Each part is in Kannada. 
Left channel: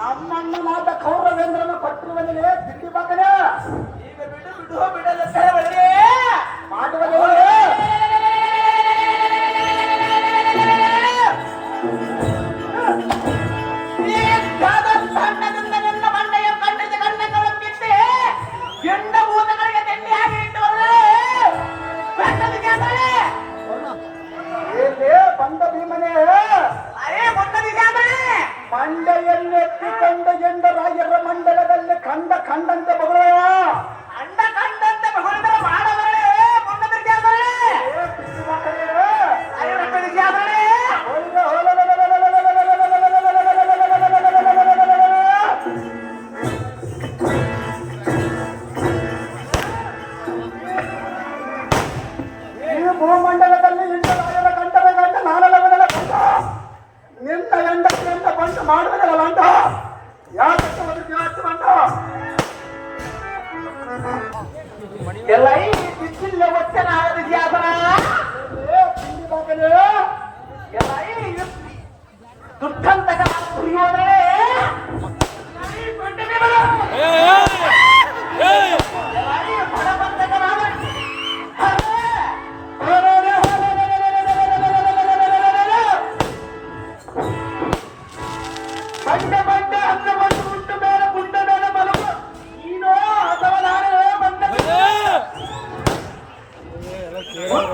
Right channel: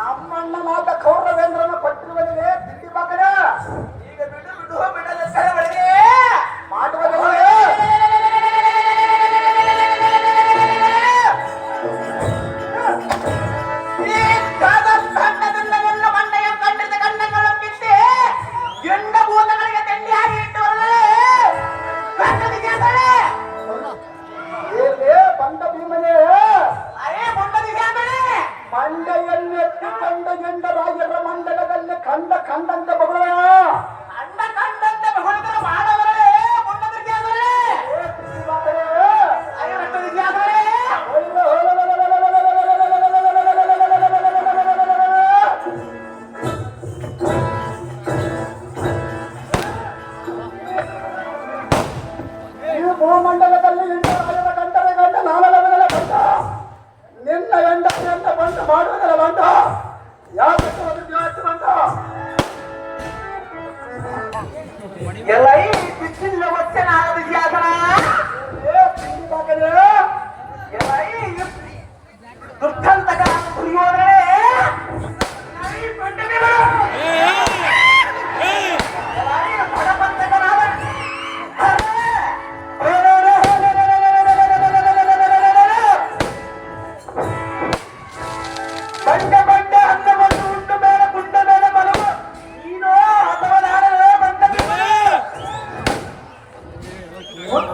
ನಮ್ಮನ್ನ ಮಾತ ಕೌರವೇಂದ್ರನ ಪಟ್ಟಿರುವನೇ ಬಿಟ್ಟಿ ಬಾಕನ ಈಗ ಬಿಡು ಬಿಡು ಬಿಡಲ್ಲ ಬಳಿ ಮಾಡುವ ಬಂದ ಭೀಮನೇ ಮಂಡೆಯನ್ನೆತ್ತಿಕೊಂಡ ಎಂದ ರಾಯರ ಮಂಡಲದಲ್ಲಿ ಕಂಡ ಕಂಡಂತೆ ಮಗಳ ಅಂಡ ಕಂಡಂತೆ ಮಗಳಿದ್ರೆ ಮಾಡವರೇ ನೀವು ಭೂಮಂಡಲದಲ್ಲಿ ಎಂಡ ರಾಯರ ಕಂಡರೆ ಗಂಡ ನಾನಲವನೆಲ್ಲ ಕಂಡ ನಿನ್ನ ಎಂಡ ಬಂಡ ಮಾಡುವುದಲ್ಲ ಬಂಡ ಯಾಕೆ ಬಂಡ ಎಲ್ಲ ಬಿಸಿಲ ವಚನಾಗದಿದ್ಯಾದನ ಎಲ್ಲ ದುರ್ಗಂತಕ ಕುರಿಯೋರೇ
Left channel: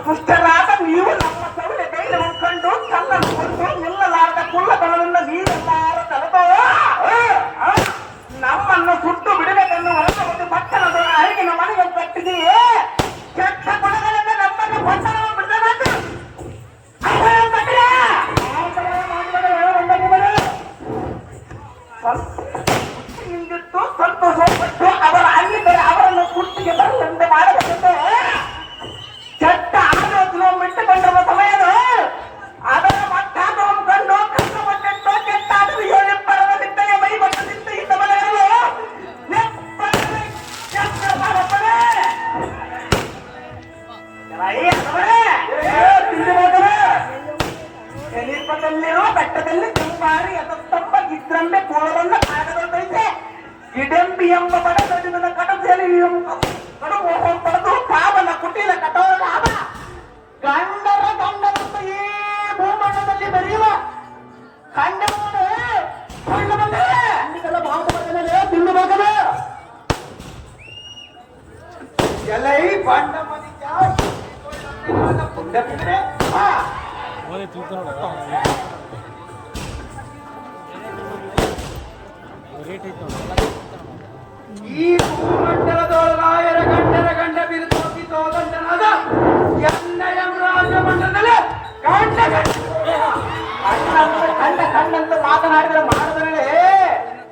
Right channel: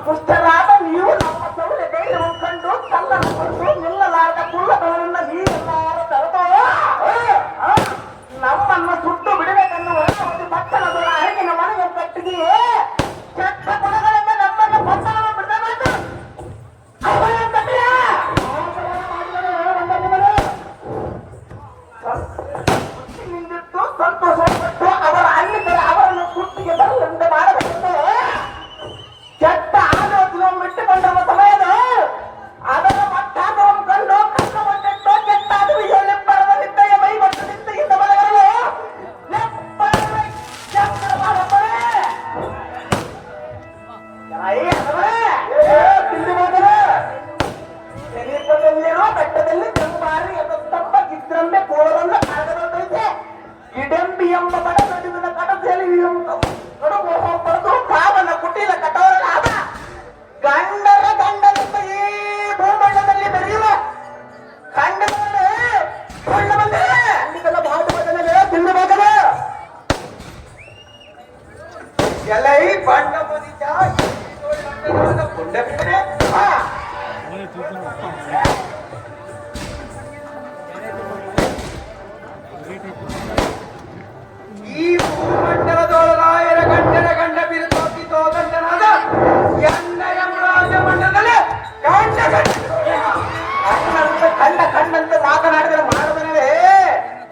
ದುಷ್ಟರಾದ ನೀವು ನಮ್ಮ ಸೌರ್ಯ ಕೈಲಿ ಉಂಟು ಕಲ್ಲನ್ನು ನಿಲ್ಲಲಾರದ ಕುಳ್ಳತನದಿಂದ ನೀರೆಲ್ಲಾರ ತರಬೋ ನಮ್ಮನ್ನು ಸುಟ್ಟು ಬಿಡಬೇಕನ್ನುವ ಒಂದು ಪಟ್ಟಣದ ಅರಗಿನ ಮನೆಯನ್ನು ಕಟ್ಟಿದೆಯೇ ಕೆಟ್ಟ ಗುಣಗಳಿಂದ ನಮ್ಮನ್ನು ಪಟ್ಟಣ ಬಿಡಬೇಕು ನಿಂದಿಟ್ಟು ಸಂತೋಷಪಟ್ಟು ಅವರ ಹಳ್ಳಿಗಳ ಅವರನ್ನು ಕುಟ್ಟಿಗೆ ಬರುವಂತೆ ಮಾಡಬೇಕೆಂದು ಕೆಟ್ಟ ಆಲೋಚನೆ ಬಿಟ್ಟುಕೊಂಡಿರುವ ಸಮಯದ ಅದರ ಮಟ್ಟಾನು ಕಂಡು ಕಣ್ಣು ಮಟ್ಟಿಟ್ಟು ಕೆಟ್ಟಾದ ಏಳೆಪ್ಪರದ ನಿದ್ದೆಯ ಮೈ ಮತ್ತು ನಿದ್ದೆಯಿಂದ ಮನೆಯರು ಸಮೀಪದಲ್ಲಿರುವ ಬೆಟ್ಟದಲ್ಲಿ ಕೆಂಪಾರಿ ಎತ್ತಂಬ ಗಿದ್ರಂಬೆ ಕೋಳದಂದ ಭಾಗದಂತೆ ಇಡೆಂಬಿ ಎಂಬ ಬಡ ನಡುವಿನ ಕಡದಲ್ಲಿ ಕಡುಗು ಪಡೆದು ಕಾವನ ಕುಟಿಲ ಕಠೋರನಾದ ಗಂಡರ ಗಂಡನನ್ನು ಈ ಭೂಮಂಡಲದಲ್ಲಿ ಬೆಳೆಯುವ ಖಂಡಗಳನ್ನು ಖಂಡಿತಲ್ಲ ಭಾಗವತನೇ ತಿನ್ನು ಮಗನ ಎಲೈ ಬಂಡ ಮದಿತ ಪುಂಡ ಬಿಡನೆ ಈ ಭೂಮಂಡಲದೊಳಗಾಯರ ಗಂಡರ ಗಂಡ ಬಿರುದಾಗಿ ತೋದಂಡನಾದ ಎನ್ನ ಯಮರಾಜ ಮಂಡಲದಲ್ಲಿ ಕಂಡ ಕಂಡಂತ ಮಾತನಾಡಿದರೆ ಮಾಡುವುದರೇ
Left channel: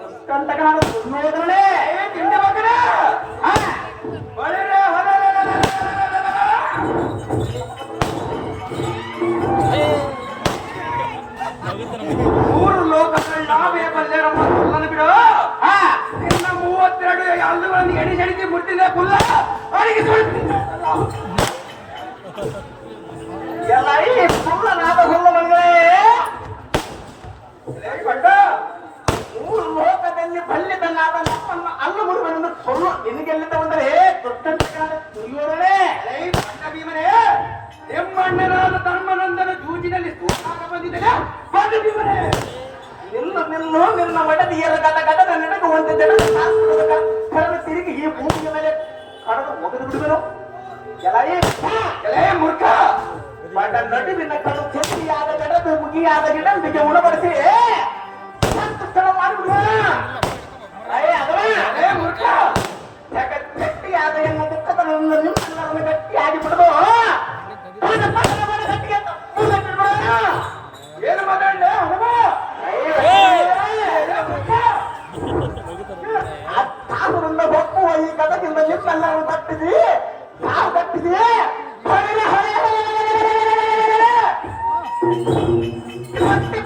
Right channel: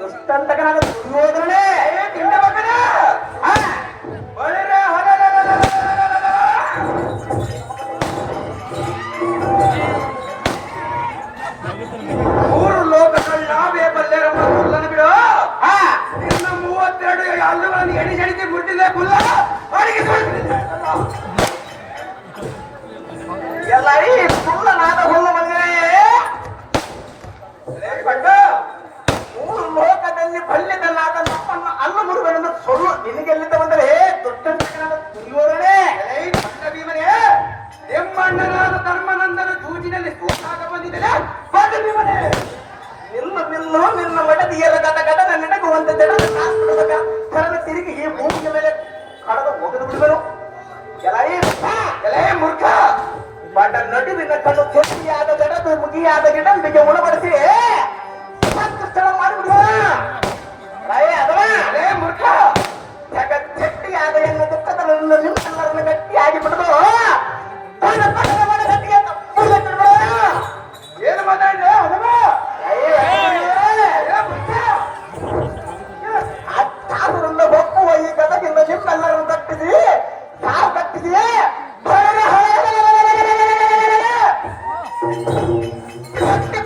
ದುಷ್ಟಂತಕನಾದ ದುರ್ಯೋಧನೇ ತಿಂಡ ಮಗನ ಮೂರು ಲೋಕಗಳ ನಾವೇ ಬಲ್ಲೆರ ಮಕ್ಕಳನ್ನು ಬಿಡು ನಿನ್ನ 32 ಹಲ್ಲುಗಳನ್ನು ಎಣಿಸಿ ಮುಟ್ಟಿದೆ ಕುಲ್ಲ ಎಲ್ಲರಿ ಕುಲ್ಲನಾದ ಹುಲ್ಲ ಬಂದರೆ ಮೂರು ಲೋಕದಲ್ಲಿ ಬಲ್ಲಿದನಾದ ನಮ್ಮನ್ನು ಅಲ್ಲು ಮುರುಗನೆಂದು ಸೊಲ್ಲು ನಿನಗೆಲ್ಲಿದ್ದ ಬಂದರೆ ದೊಡ್ಡಂತಕನಾದ ದುರ್ಯೋಧನೇ ಬಂಡ ಭೀಮನೇ ಎಮ್ಮಣ್ಣನಾದ ಧರ್ಮನಂದನ ಜೂಜಿನಲ್ಲಿ ಸೋತಾಗ ಬಂದಿದ್ದೇನೆ ಬಂಡ ಭೀಮನೇ ನಿಲ್ಲು ನಿನ್ನ ಮಡದಿಯರ ಗದ ನೆನಗುವಂತೆ ಜನರ ಕಾಲ್ಪಡುವ ತಿರುಗಿ ಈ ಭೂಮಿಯ ಮೇಲೆ ಕಡದ ಒಗೆದು ಬಿಡುವರು ಎಲೇ ಮೂರ್ಖ ಬಂಡ ನಡುವಿನ ಕಣ್ಣು ಚೆಟ್ಟಿಯಾದ ಜಡದು ಮುಗಿಯಾದ ಗಿಡಂಬಿಗೆ ಉಣಬಡಿಸಿ ಸಂತುಷ್ಟಳ ಮಾಡುವುದು ಅದೇ ಮೂರ್ಖ ಚೆಟ್ಟಿಯಾದ ಎನ್ನ ದುಃಖದನ್ನು ನಿಮ್ಮೆಲ್ಲರನ್ನು ಗಟ್ಟಿಯಾಗಿ ಬಿಡುದು ಏನು ಮಾತಾಡಲೇ ಹನುಮ ಒಪ್ಪುವ ಈ ಗದಗಿಂದ ನಿಮ್ಮೆಲ್ಲರನ್ನು ಕಟ್ಟಿದಿ ಕಾವು ಕಟ್ಟಿದೆಯೇ ಕಟ್ಟಿ